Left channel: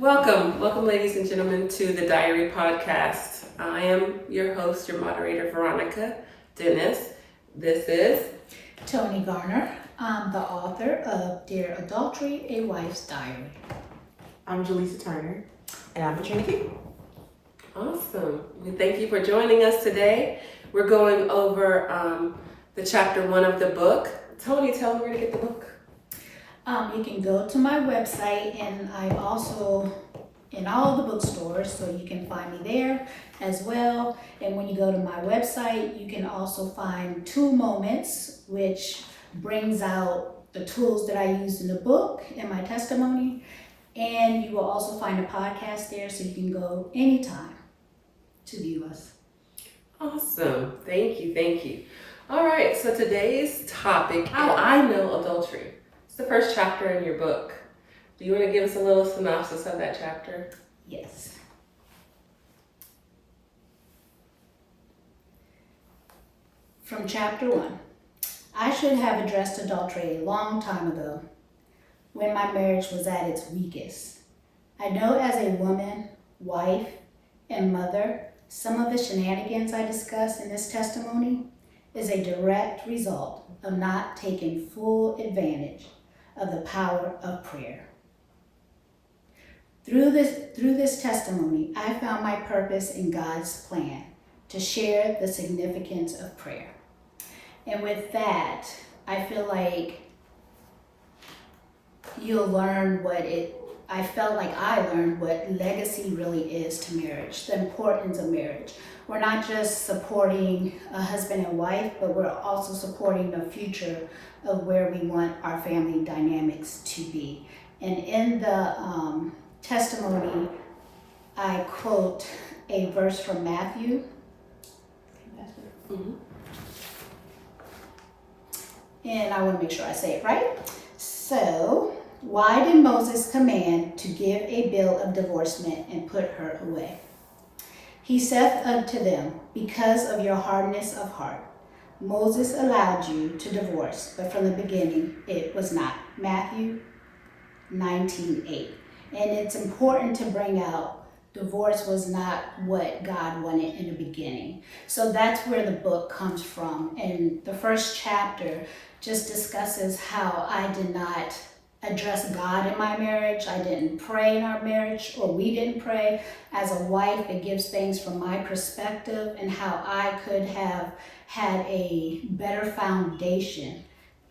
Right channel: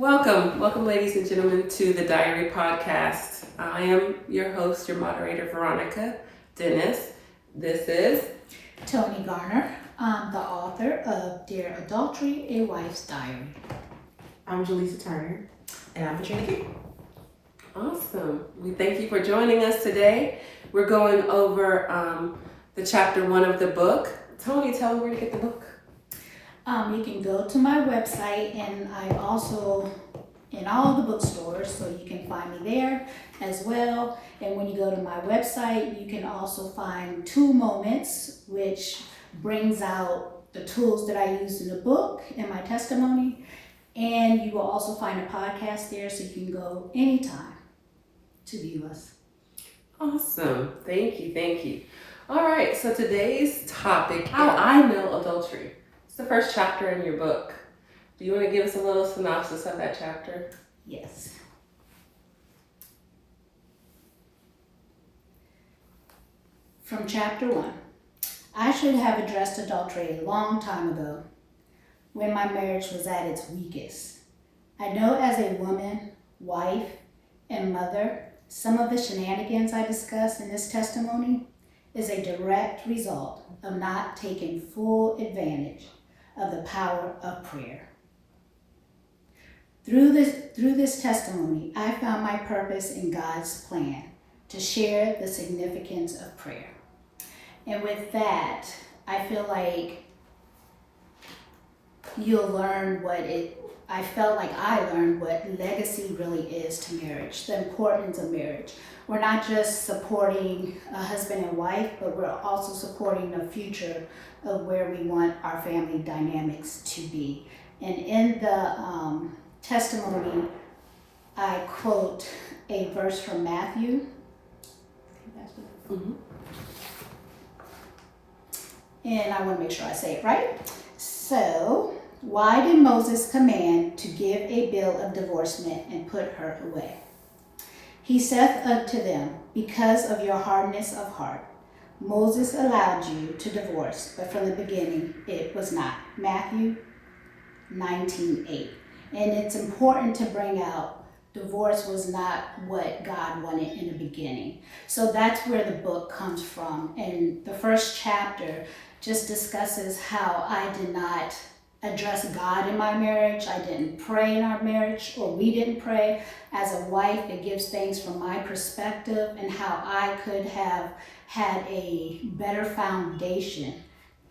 Welcome, ladies and gentlemen, to the Diary Podcast. I am your host, your moderator, Veronica Dennis. This is Tony Garner. I'm the author of Dear Adultery, A Wife's Diary. I'm Jaleesa Turner, and I'm Katrina King. awesome. We thank you for joining us today. We're going over the chapter 1 of the book. Tony, tell me where to get the book. You can go to my website, and I'm also in all the bookstores, so you can find me there as well. And when you go to my website, you can also find 2 Moments, which brings out the tools that I used in the book and my testimony. And you will also find a podcast there, so you can go anytime to view us. Awesome. Thank you. All right, so today's topic, how I know adultery. It's the first chapter in your book. Do you want to give us a little synopsis of that chapter? Yes. From chapter 1. I should have addressed adultery a long time ago, when my marriage was at its weakest. I know as a woman, wife, and mother, some of the shenanigans I discuss in this testimony is a direct result of not taking full advantage of the power of prayer. Through this testimony, I found my purpose in God's plan to share the significance of prayer. And with that, I feel like you'll learn I felt like I learned what legacy really is to marriage, the importance of marriage. We're not just supporting a husband and wife, but we're also supporting the future of where we want our family dynamics to be. And in the testimony, I quote a verse from Matthew. Mm-hmm. And I want to make sure I say it right. So, why did Moses command to give a bill of divorcement and put her away? He saith unto them, because of your hardness of heart. Moses allowed you to divorce, but from the beginning it was not. Matthew 19:8. And it's important to bring out divorce was not what God wanted in the beginning. So that's where the book comes from. And the first chapter just discusses how I did not address God in my marriage. I didn't pray in our marriage, or we didn't pray. As a wife, it gives things from my perspective and how I could have had a better foundation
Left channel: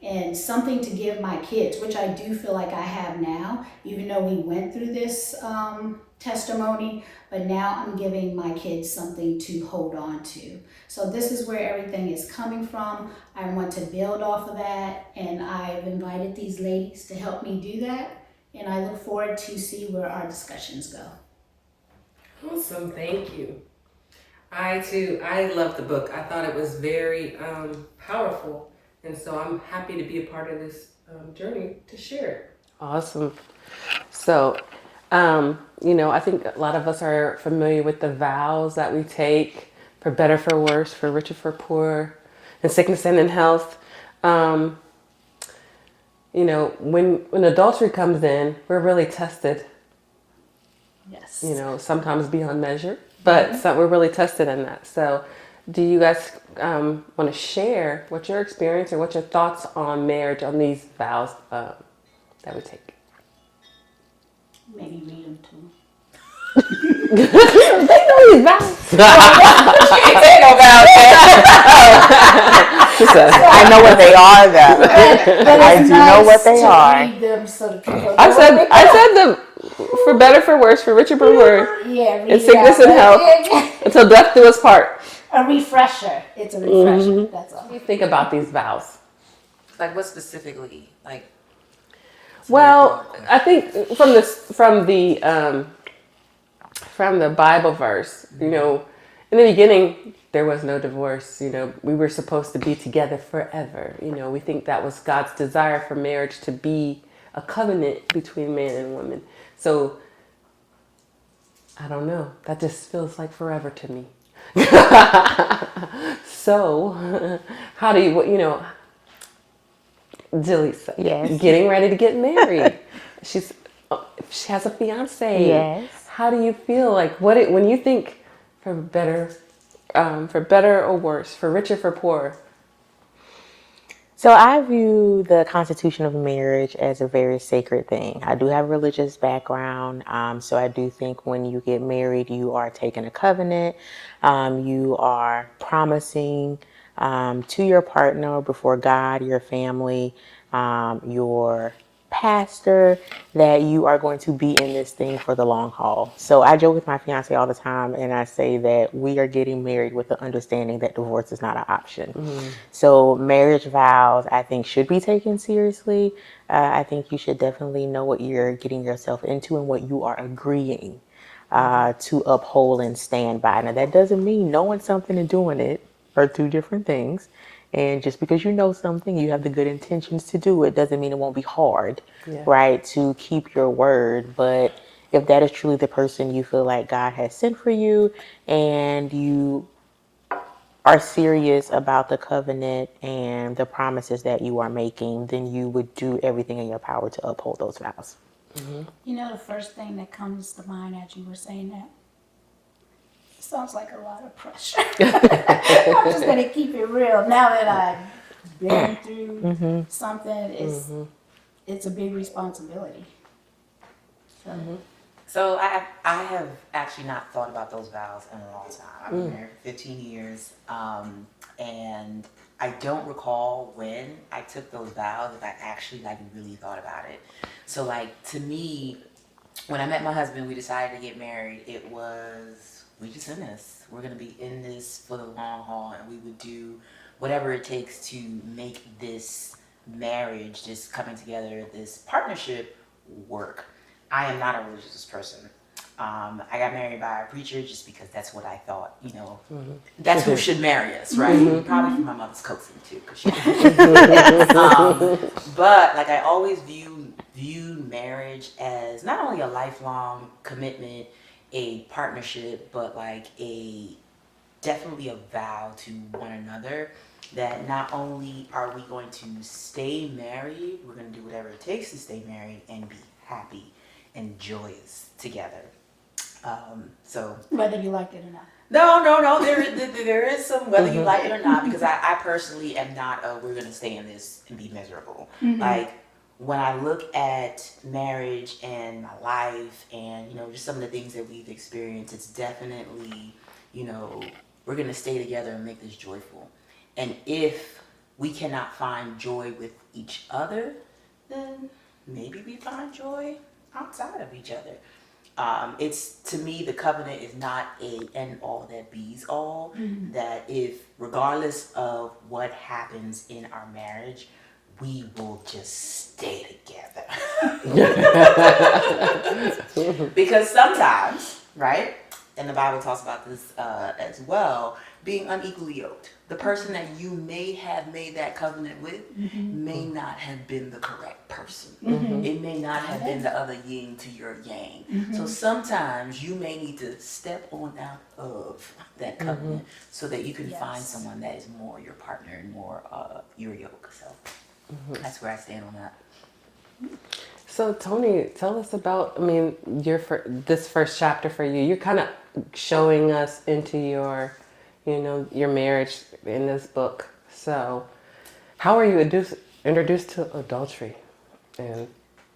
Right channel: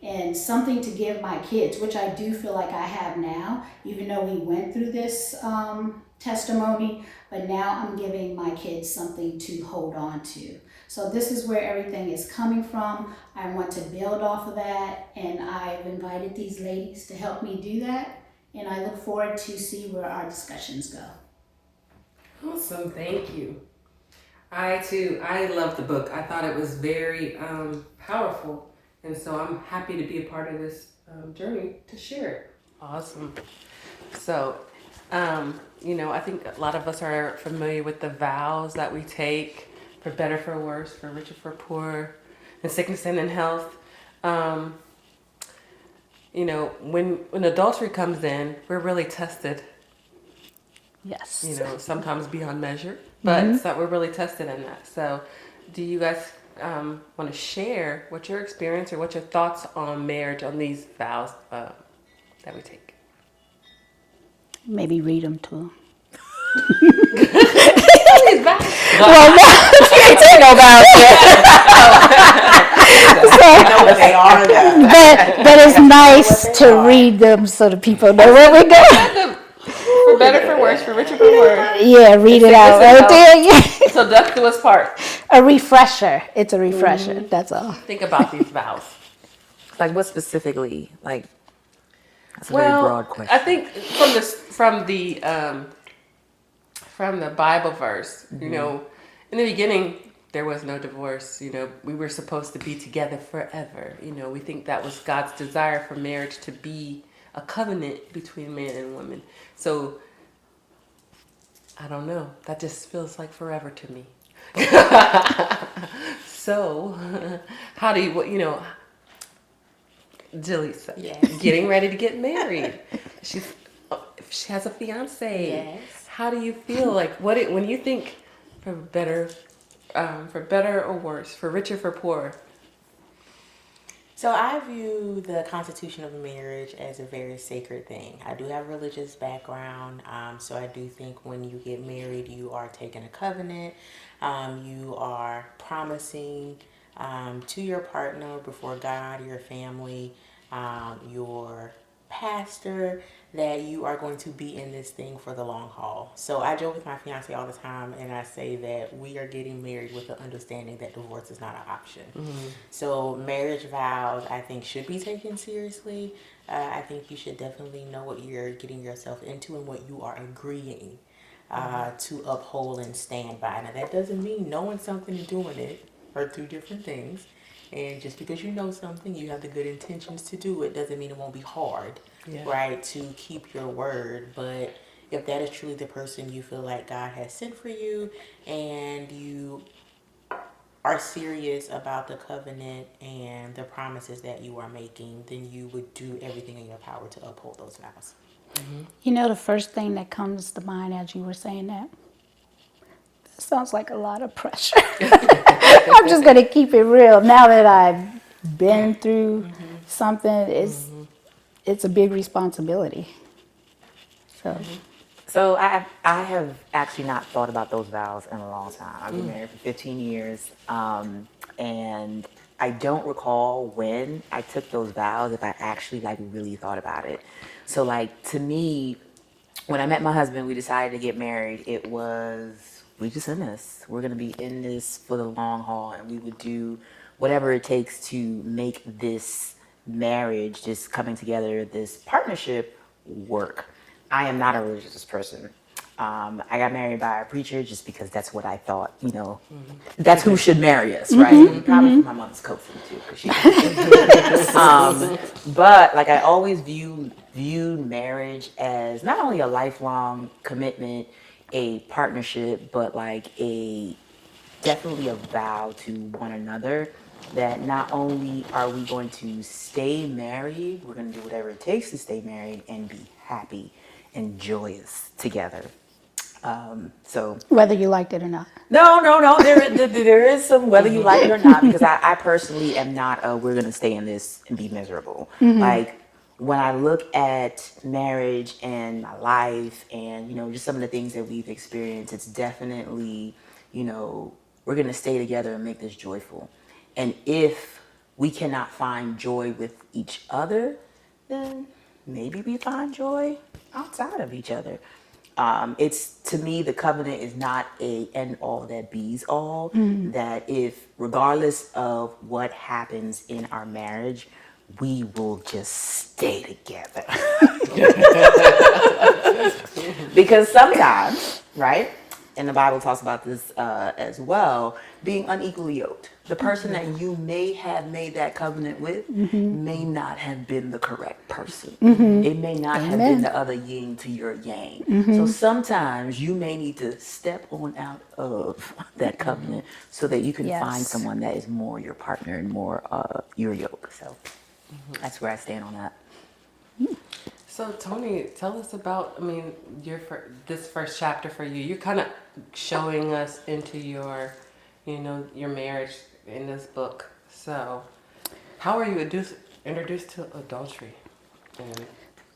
and something to give my kids, which I do feel like I have now, even though we went through this testimony, but now I'm giving my kids something to hold on to. So this is where everything is coming from. I want to build off of that, and I've invited these ladies to help me do that, and I look forward to see where our discussions go. Awesome, thank you. I love the book. I thought it was very powerful. And so I'm happy to be a part of this journey to share it. Awesome. So, I think a lot of us are familiar with the vows that we take for better, for worse, for richer, for poor, in sickness and in health. When adultery comes in, we're really tested. Yes. Sometimes beyond measure, but we're really tested in that. So, do you guys want to share what your experience or what your thoughts on marriage, on these vows that we take? Maybe read them to them. I know what they are now. But it's nice to read them so the people know what we I said them. For better, for worse, for richer, for poor. Yeah, read it out right there. Until death do us part. A refresher. It's a refresher. That's all. Think about these vows. Like what specifically? Like, that's a very Well, broad question. I think from the Bible verse, in the beginning there was no divorce. We were supposed to be together forever. We think that was God's desire for marriage, to be a covenant between man and woman. So I don't know. That just feels like forever to me. So how do you, Jilly's getting ready to get married. she has a fiance. Yes. How do you feel? Like when you think for better or worse, for richer, for poor? So I view the constitution of marriage as a very sacred thing. I do have a religious background, so I do think when you get married, you are taking a covenant. You are promising to your partner before God, your family, your pastor, that you are going to be in this thing for the long haul. So I joke with my fiance all the time, and I say that we are getting married with the understanding that divorce is not an option. So marriage vows, I think, should be taken seriously. I think you should definitely know what you're getting yourself into and what you are agreeing to uphold and stand by. Now, that doesn't mean knowing something and doing it are two different things. And just because you know something, you have the good intentions to do it, doesn't mean it won't be hard, Yeah. right, to keep your word. But if that is truly the person you feel like God has sent for you, and you are serious about the covenant and the promises that you are making, then you would do everything in your power to uphold those vows. You know, the first thing that comes to mind as you were saying that sounds like a lot of pressure. I'm just going to keep it real. Now that I've been through something, it's a big responsibility. So, So I have actually not thought about those vows in a long time. I've been married for 15 years, and I don't recall when I took those vows, if I actually like really thought about it. So like to me, when I met my husband, we decided to get married. It was, we just in this. We're gonna be in this for the long haul, and we would do whatever it takes to make this marriage, this coming together, this partnership work. I am not a religious person. I got married by a preacher just because that's what I thought, that's who should marry us, right? Probably for my mother's coaching too, 'cause but like I always viewed marriage as not only a lifelong commitment, a partnership, but like definitely a vow to one another, that not only are we going to stay married, we're going to do whatever it takes to stay married and be happy and joyous together. So whether you liked it or not. no. There is some whether you like it or not, because I personally am not we're gonna stay in this and be miserable. Like when I look at marriage and my life and just some of the things that we've experienced, it's definitely we're gonna stay together and make this joyful. And if we cannot find joy with each other, then maybe we find joy outside of each other. It's, to me, the covenant is not a end all that bees all. That if, regardless of what happens in our marriage, we will just stay together. Because sometimes, right? And the Bible talks about this as well, being unequally yoked. The person that you may have made that covenant with may not have been the correct person. It may not have been the other yin to your yang. So sometimes you may need to step on out of that covenant so that you can find someone that is more your partner and more your yoke. So that's where I stand on that. So Tony, tell us about, this first chapter for you. You're kind of showing us into your marriage in this book. So how are you introduced to adultery?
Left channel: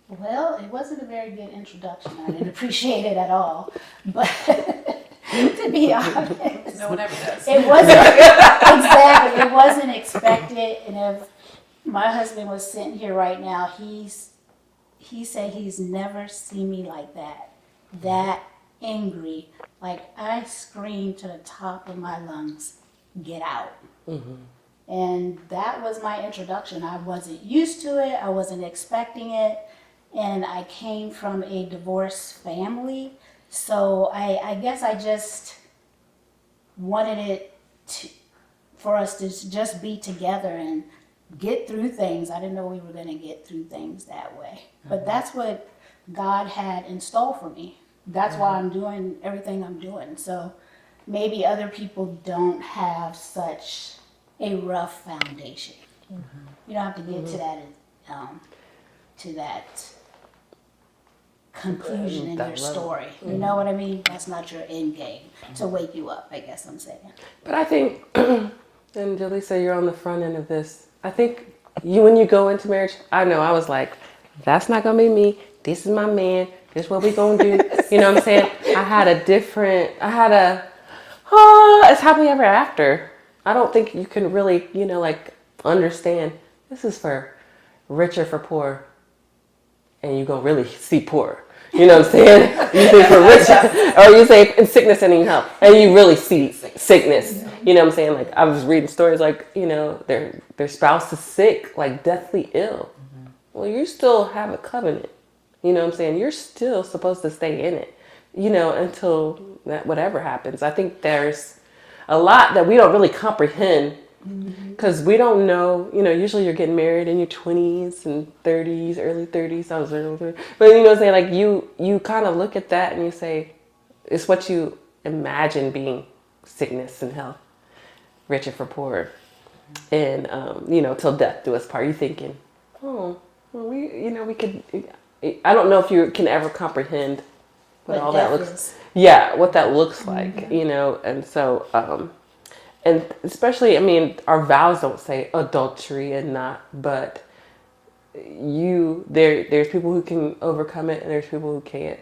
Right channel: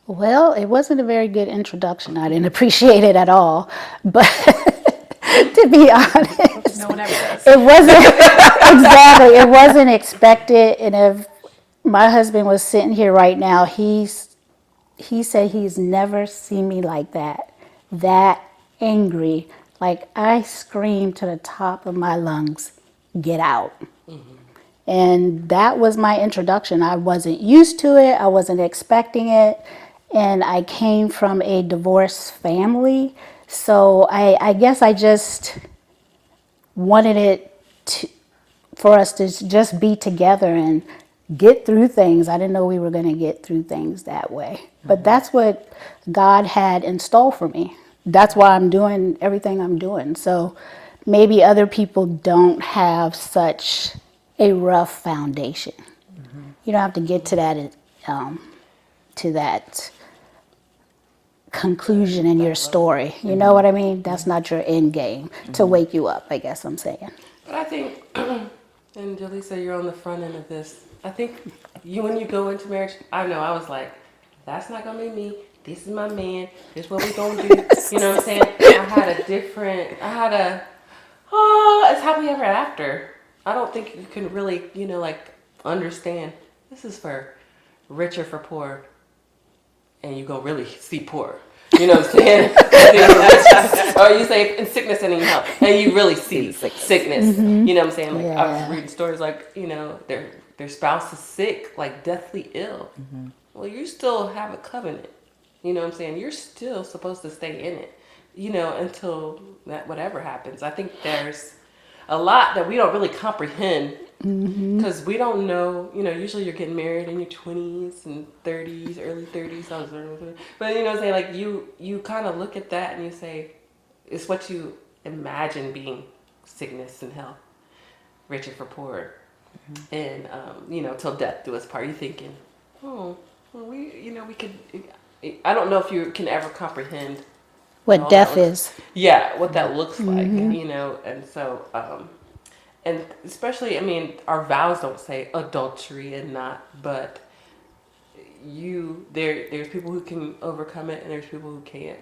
Well, it wasn't a very good introduction. I didn't appreciate it at all. But to be honest, it wasn't exactly. It wasn't expected. And if my husband was sitting here right now, he said he's never seen me like that angry. Like I screamed to the top of my lungs, "Get out!" And that was my introduction. I wasn't used to it. I wasn't expecting it. And I came from a divorced family. So I guess I just wanted for us to just be together and get through things. I didn't know we were going to get through things that way. But that's what God had in store for me. That's why I'm doing everything I'm doing. So maybe other people don't have such a rough foundation. You don't have to get to that conclusion in your story. You know what I mean? That's not your end game to wake you up, I guess I'm saying. But I think, and Jaleesa, you're on the front end of this. I think when you go into marriage, I know I was like, that's not gonna be me. This is my man. This is what we gonna do. You know what I'm saying? It's happily ever after. I don't think you can really, like understand. This is for rich or for poor, and you gonna really see poor. You know what I'm saying? You say for riches, or you say in sickness and in health, and you really see sickness. You know what I'm saying? Like I was reading stories like their spouse is sick, like deathly ill. Well, you still have a covenant. You know what I'm saying? You're still supposed to stay in it. Until that whatever happens. I think there's a lot that we don't really comprehend. Because we don't know, usually you're getting married in your 20s and 30s, early 30s, I was early 30s. But you know what I'm saying, like you kind of look at that and you say, it's what you imagine being sickness and health, rich or for poor. And, till death do us part. You're thinking, oh, well, we could, I don't know if you can ever comprehend What death is. Yeah, what that looks like, and so, and especially, our vows don't say adultery and not, but there's people who can overcome it and there's people who can't.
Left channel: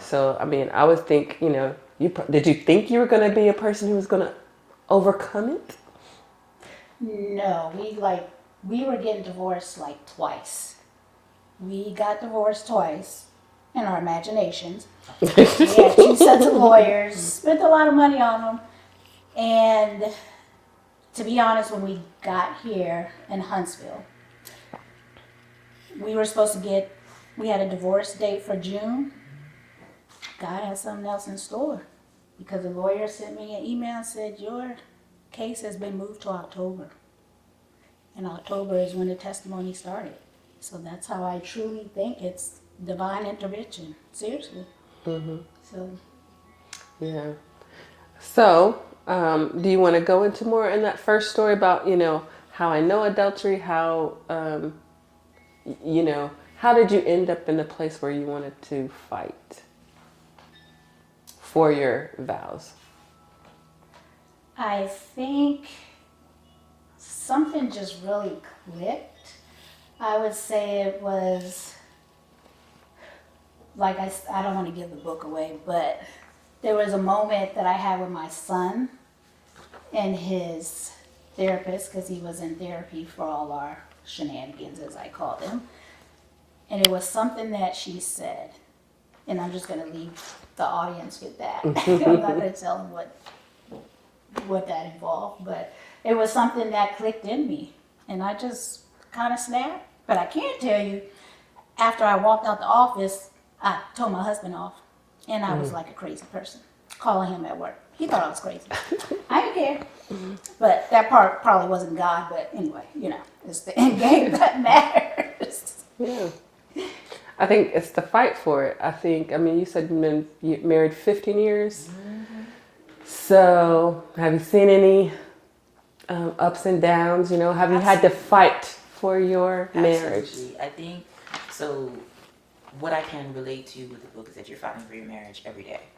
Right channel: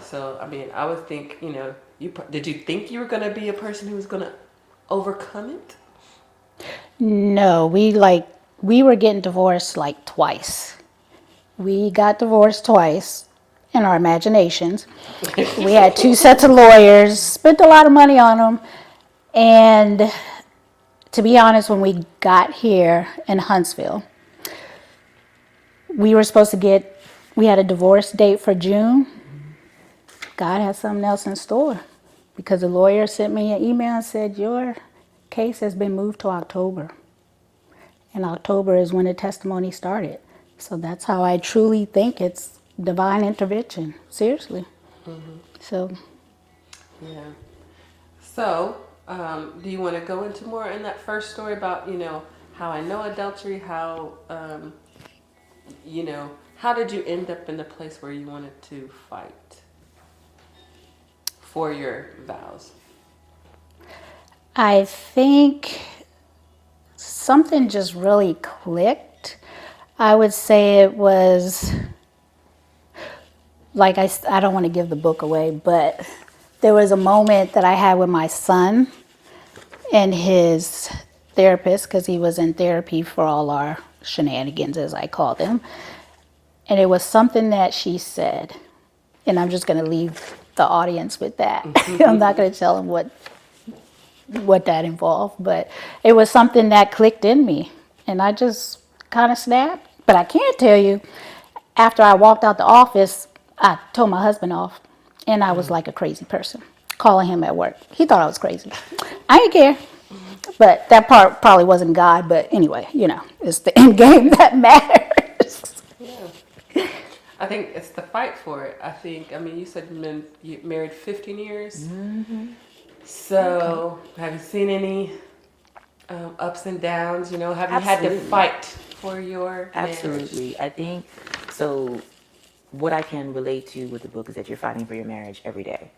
So, I would think, did you think you were going to be a person who was going to overcome it? No, we were getting divorced like twice. We got divorced twice in our imaginations. We had 2 sets of lawyers, spent a lot of money on them. And to be honest, when we got here in Huntsville, we had a divorce date for June. God had something else in store because the lawyer sent me an email and said, your case has been moved to October. And October is when the testimony started. So that's how I truly think it's divine intervention. Seriously. So. Yeah. So, do you want to go into more in that first story about, how I know adultery, how, how did you end up in a place where you wanted to fight for your vows? I think something just really clicked. I would say it was, like I don't want to give the book away, but there was a moment that I had with my son and his therapist, because he was in therapy for all our shenanigans, as I call them. And it was something that she said, and I'm just going to leave the audience with that. I'm not going to tell them what that involved, but it was something that clicked in me, and I just kind of snapped. But I can't tell you, after I walked out the office, I told my husband off, and I was like a crazy person, calling him at work. He thought I was crazy. I didn't care, but that part probably wasn't God, but anyway, it's the end game that matters. Yeah. I think it's the fight for it. I think, you said you married 15 years. So, have you seen any ups and downs? Have you had to fight for your marriage? Absolutely. I think so. What I can relate to with the book is that you're fighting for your marriage every day.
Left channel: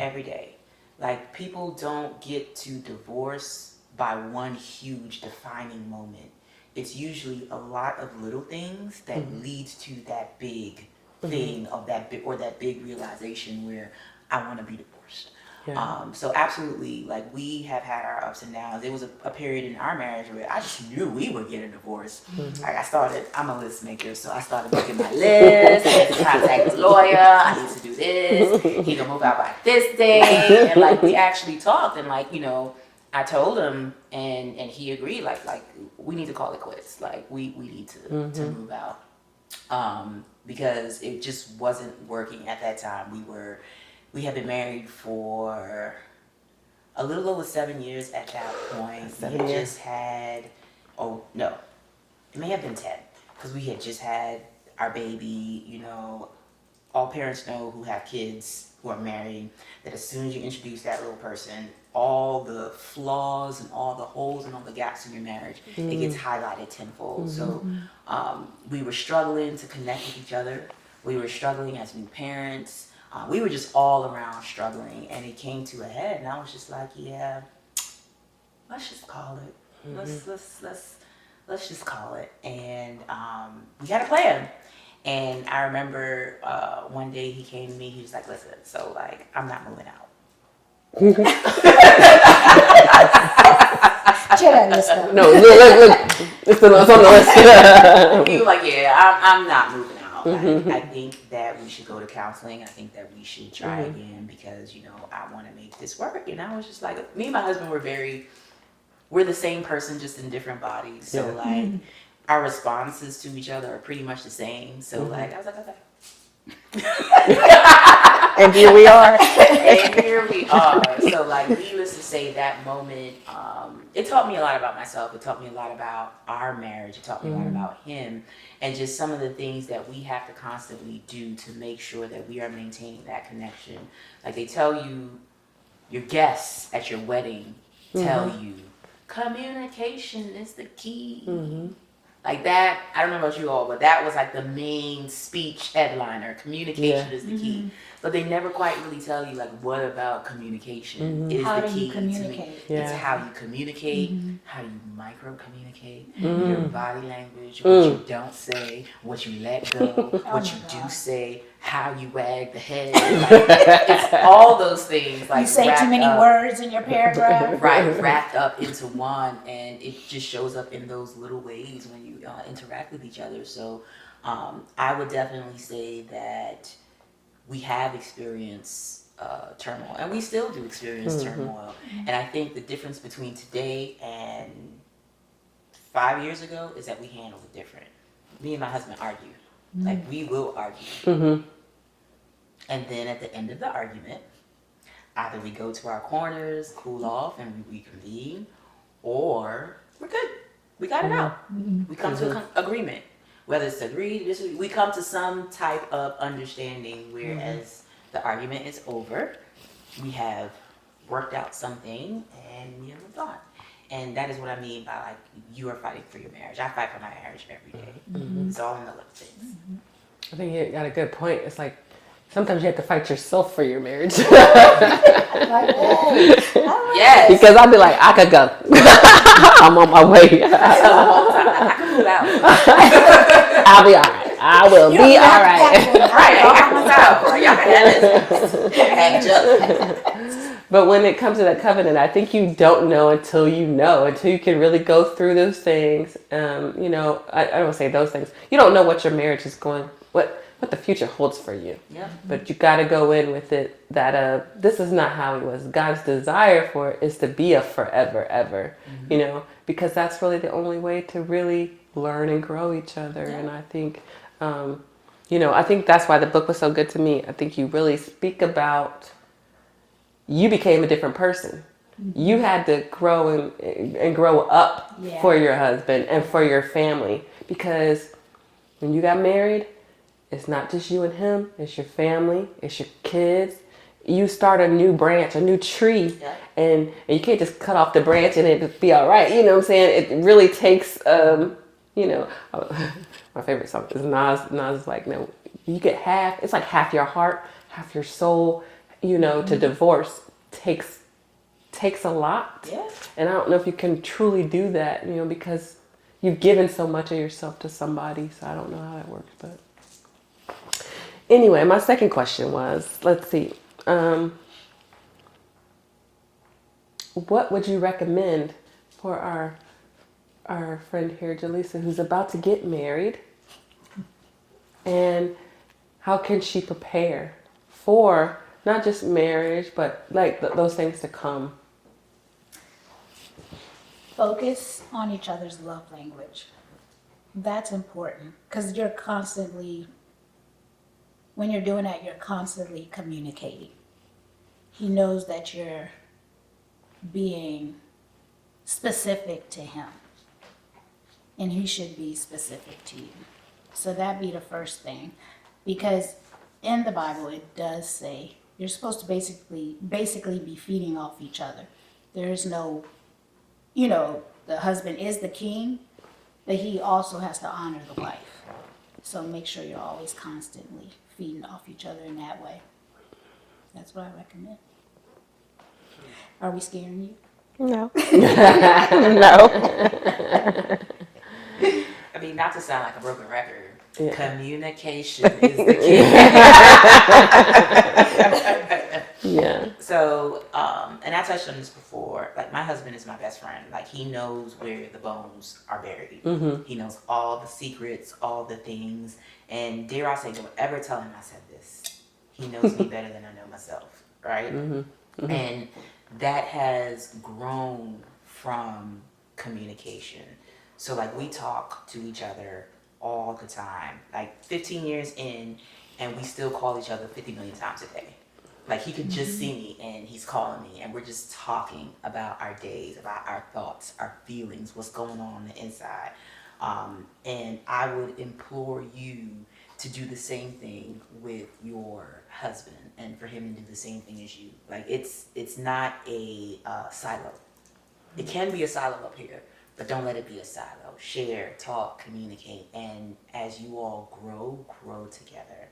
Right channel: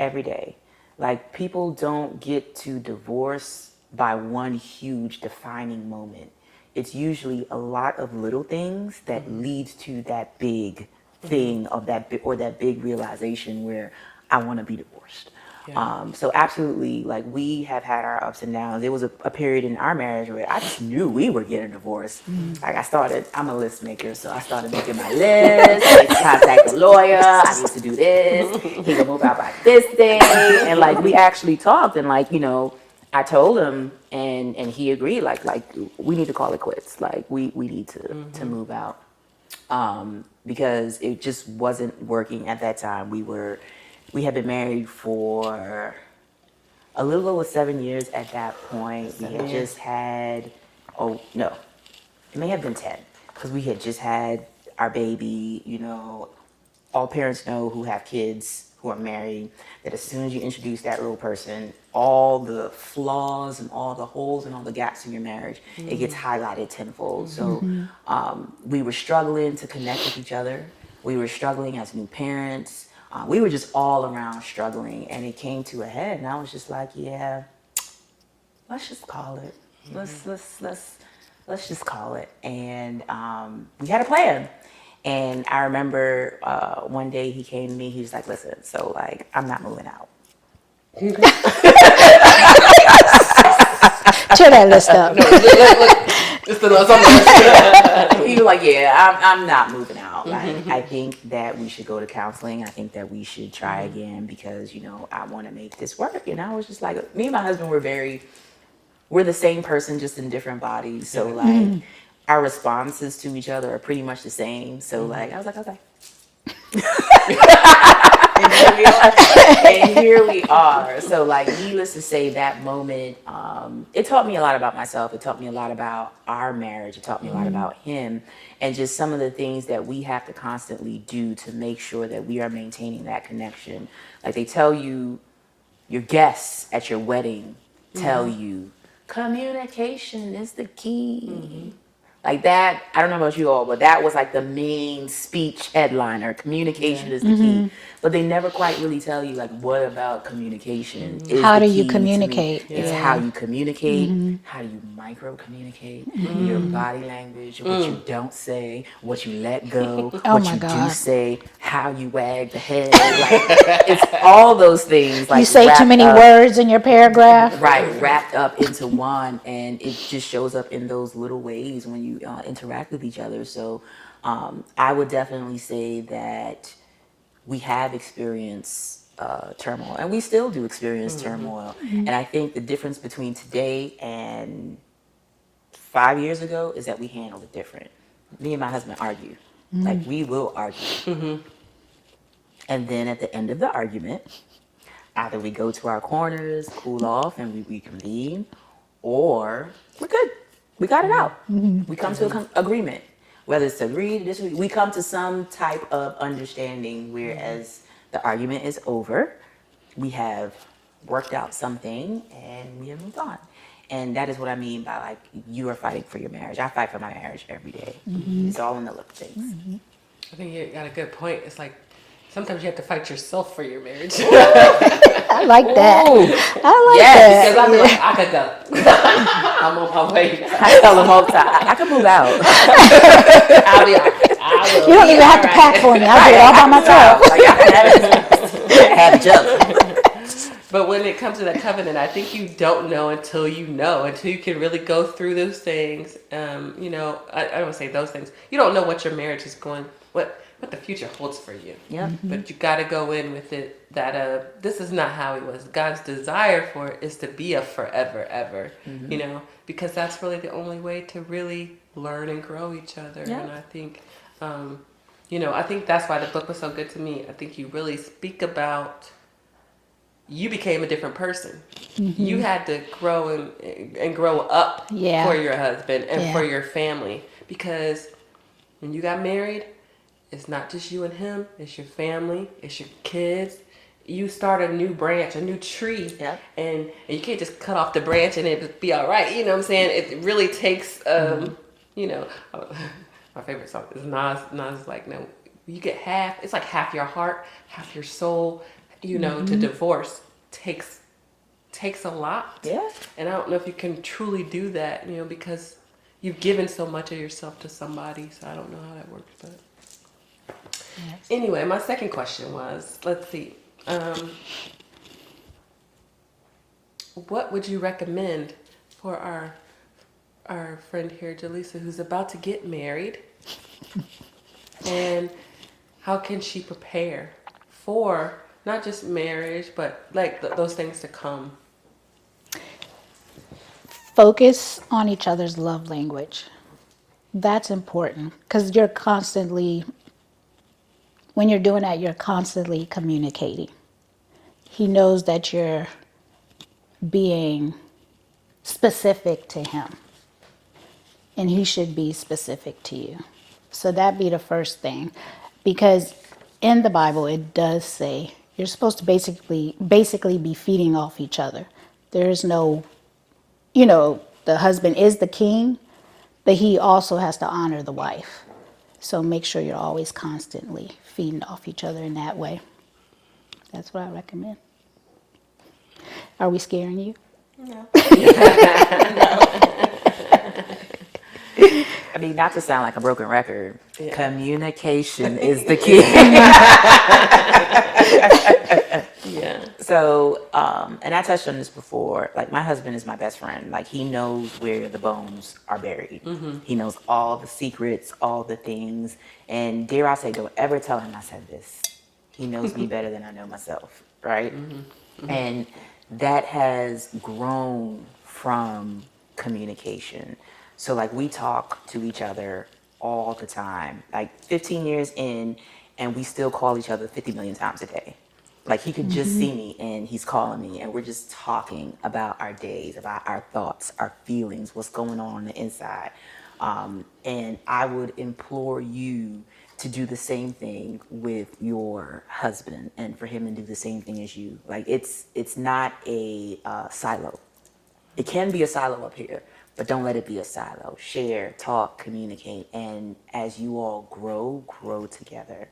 Every day. Like, people don't get to divorce by one huge defining moment. It's usually a lot of little things that leads to that big thing of that big realization where I want to be divorced. Yeah. So absolutely, like, we have had our ups and downs. There was a period in our marriage where I just knew we were getting divorced. Like, I'm a list maker, so I started making my list. I had to contact the lawyer. I need to do this. He can move out by this day. And like, we actually talked, and like, I told him, and he agreed. Like we need to call it quits. Like, we need to move out, because it just wasn't working at that time. We had been married for a little over 7 years at that point. We had just had, it may have been 10, because we had just had our baby. All parents know who have kids who are married, that as soon as you introduce that little person, all the flaws and all the holes and all the gaps in your marriage, it gets highlighted tenfold. So we were struggling to connect with each other. We were struggling as new parents. We were just all around struggling, and it came to a head. And I was just like, yeah, let's just call it. Let's just call it. And we had a plan. And I remember one day he came to me. He was like, "Listen, so like I'm not moving out." Cheer that list up. It's the last one. He was like, "Yeah, I'm not moving out. Like, I think that we should go to counseling. I think that we should try again because I want to make this work." And I was just like, me and my husband we're the same person, just in different bodies. So like our responses to each other are pretty much the same. So like I was like, okay. And here we are. And here we are. So like, needless to say, that moment, it taught me a lot about myself. It taught me a lot about our marriage. It taught me a lot about him, and just some of the things that we have to constantly do to make sure that we are maintaining that connection. Like they tell you, your guests at your wedding tell you, communication is the key. Like that, I don't know about you all, but that was like the main speech headliner. Communication is the key. But they never quite really tell you, like, what about communication? Is How the do you key to communicate? It's how you communicate, how do you micro-communicate, your body language, what you don't say, what you let go, Oh what my you do God. say, how you wag the head. Like, it's all those things. Like, You say too wrapped many up. words in your paragraph. Right, wrapped up into one, and it just shows up in those little ways when you interact with each other. So I would definitely say that we have experienced turmoil, and we still do experience turmoil. And I think the difference between today and 5 years ago is that we handle it different. Me and my husband argue. Like, we will argue. And then at the end of the argument, either we go to our corners, cool off, and we reconvene, or we're good. We got it out. We come to an agreement. Whether it's agreed, we come to some type of understanding, whereas the argument is over. We have worked out something, and we have moved on. And that is what I mean by, like, you are fighting for your marriage. I fight for my marriage every day. It's all in the little things. I think you got a good point. It's like sometimes you have to fight yourself for your marriage. I like that. I like that. Because I'd be like, I could go. I'm on my way. I tell them all the time, I can move out. I'll be all right. I will You don't be even all have to pack right. for me. I'll do it all by myself. Like, y'all can have it. Have junk. But when it comes to that covenant, I think you don't know until you know, until you can really go through those things. I don't say those things. You don't know what your marriage is going, what the future holds for you. Yeah. But you got to go in with it that this is not how it was. God's desire for it is to be a forever, ever, because that's really the only way to really learn and grow each other. Yeah. And I think, I think that's why the book was so good to me. I think you really speak about, you became a different person. You had to grow and grow up for your husband and for your family, because when you got married, it's not just you and him, it's your family, it's your kids. You start a new branch, a new tree, and you can't just cut off the branch and it be all right. You know what I'm saying? It really takes, my favorite song is Nas. Nas is like, no, you get half, it's like half your heart, half your soul, to divorce takes a lot. Yeah. And I don't know if you can truly do that, because you've given so much of yourself to somebody, so I don't know how that works, but. Anyway, my second question was, let's see, what would you recommend for our friend here, Jaleesa, who's about to get married, and how can she prepare for not just marriage, but like those things to come? Focus on each other's love language. That's important, because when you're doing that, you're constantly communicating. He knows that you're being specific to him, and he should be specific to you. So that'd be the first thing, because in the Bible it does say you're supposed to basically be feeding off each other. There is no, the husband is the king, but he also has to honor the wife. So make sure you're always constantly feeding off each other in that way. That's what I recommend. Are we scaring you? No. No. I mean, not to sound like a broken record, communication is the key. Yeah. So, and I touched on this before. Like, my husband is my best friend. Like, he knows where the bones are buried. He knows all the secrets, all the things. And dare I say, don't ever tell him I said this. He knows me better than I know myself, right? And that has grown from communication. So, like, we talk to each other all the time. Like, 15 years in, and we still call each other 50 million times a day. Like, he could just see me and he's calling me, and we're just talking about our days, about our thoughts, our feelings, what's going on the inside. And I would implore you to do the same thing with your husband, and for him to do the same thing as you. Like, it's not a silo. It can be a silo up here, but don't let it be a silo. Share, talk, communicate, and as you all grow together.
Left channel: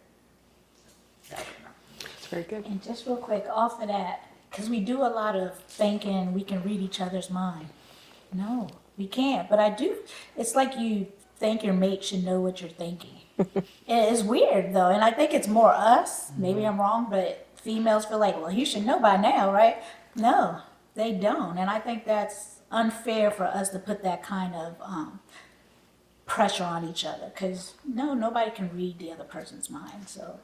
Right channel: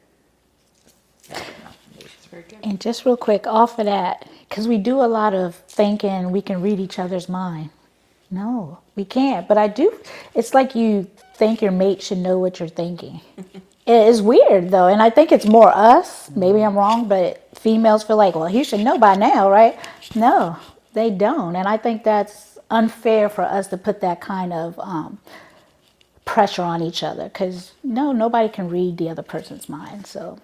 It's very good. And just real quick off of that, because we do a lot of thinking we can read each other's mind. No, we can't. But I do. It's like you think your mate should know what you're thinking. It is weird though, and I think it's more us. Maybe I'm wrong, but females feel like, well, he should know by now, right? No, they don't, and I think that's unfair for us to put that kind of pressure on each other. Because nobody can read the other person's mind. So,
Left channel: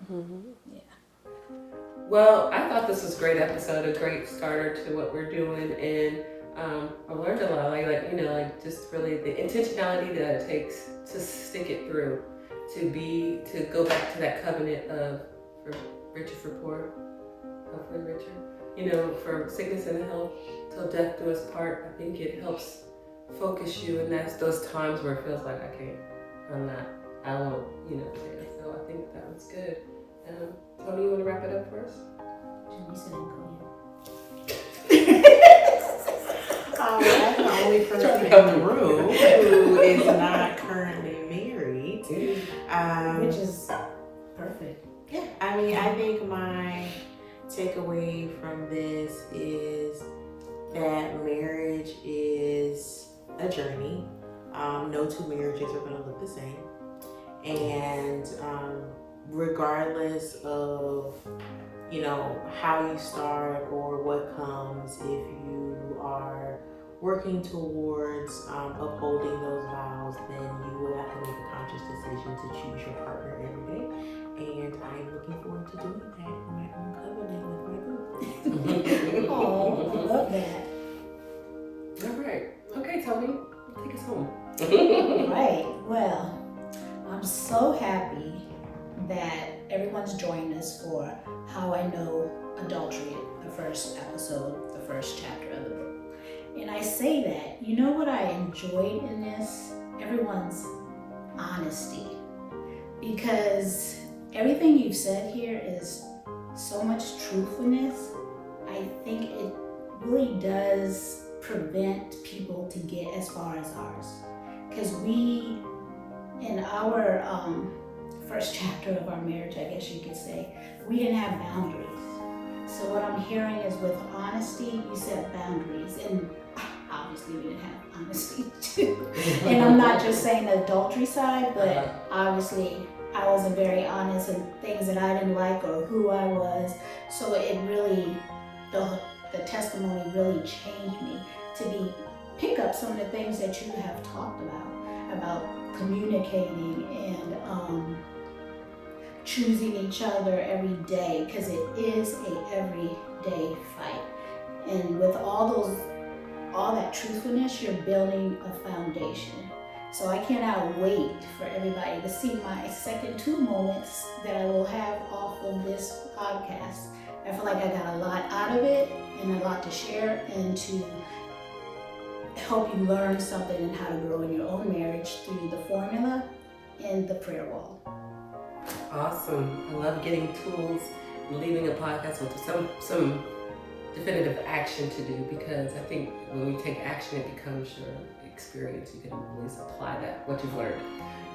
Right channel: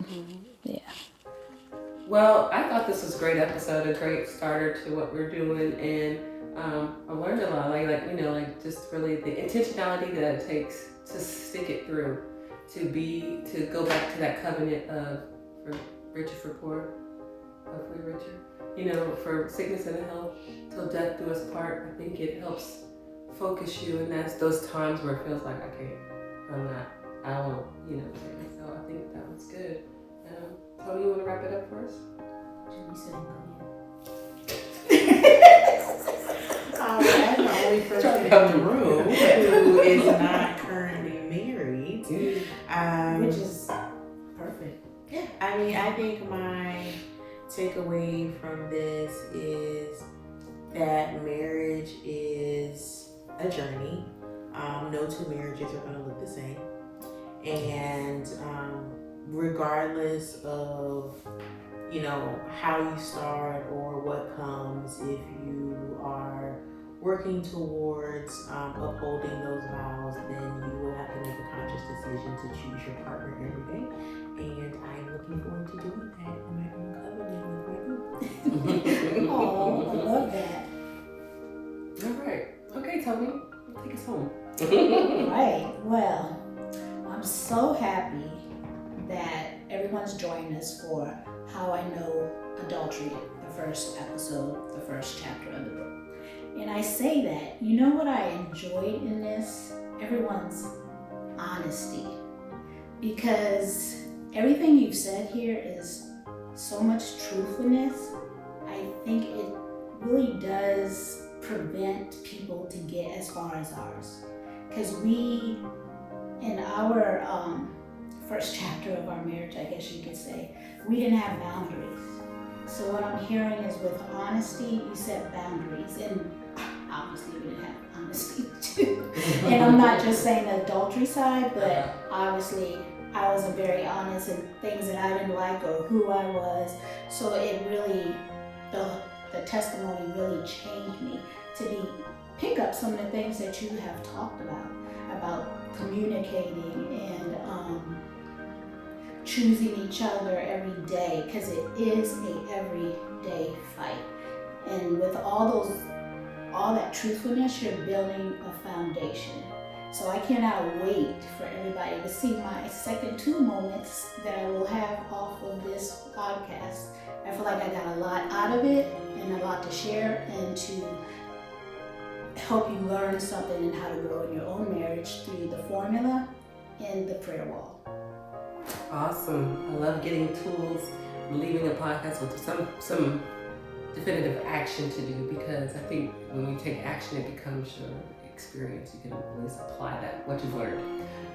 yeah. Well, I thought this was a great episode, a great starter to what we're doing, and I learned a lot. Like just really the intentionality that it takes to stick it through, to go back to that covenant of for richer for poor, hopefully richer. For sickness and health, till death do us part. I think it helps focus you, and that's those times where it feels like I can't, I'm not, I won't, there. So I think that was good. Tony, you want to wrap it up for us? I'm the only person in the room who is not currently married. Which is perfect. Yeah, I mean, I think my takeaway from this is that marriage is a journey. No two marriages are going to look the same. And regardless of how you start or what comes, if you are working towards upholding those vows, then you will have to make a conscious decision to choose your partner every day. And I am looking forward to doing that in my own covenant with my group. Oh, I love that. All right. Okay, Tony, take us home. Right. Well, I'm so happy that everyone's joined us for How I Know Adultery, the first episode, the first chapter of the book. And I say that, you know what I enjoyed in this? Everyone's honesty. Because everything you've said here is so much truthfulness. I think it really does prevent people to get as far as ours. Because we, in our first chapter of our marriage, I guess you could say, we didn't have boundaries. So what I'm hearing is with honesty, you set boundaries. And obviously we didn't have honesty too. And I'm not just saying the adultery side, but obviously I wasn't very honest in things that I didn't like or who I was. So it really, the testimony really changed me to pick up some of the things that you have talked about communicating and choosing each other every day, because it is a everyday fight. And with all that truthfulness, you're building a foundation. So I cannot wait for everybody to see my second 2 moments that I will have off of this podcast. I feel like I got a lot out of it and a lot to share and to help you learn something and how to grow in your own marriage through the formula and the prayer wall. Awesome. I love getting tools and leaving a podcast with some definitive action to do, because I think when you take action, it becomes your experience. You can always apply what you've learned.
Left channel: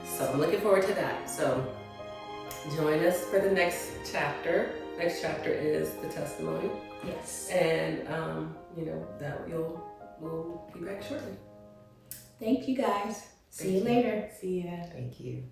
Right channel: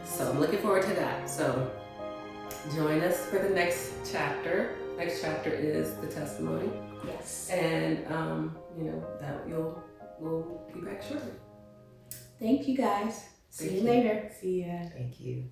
So I'm looking forward to that. So Join us for the next chapter. Next chapter is the testimony, Yes. and that we'll be back shortly. Thank you guys. See you Thank you. later. See ya. Thank you.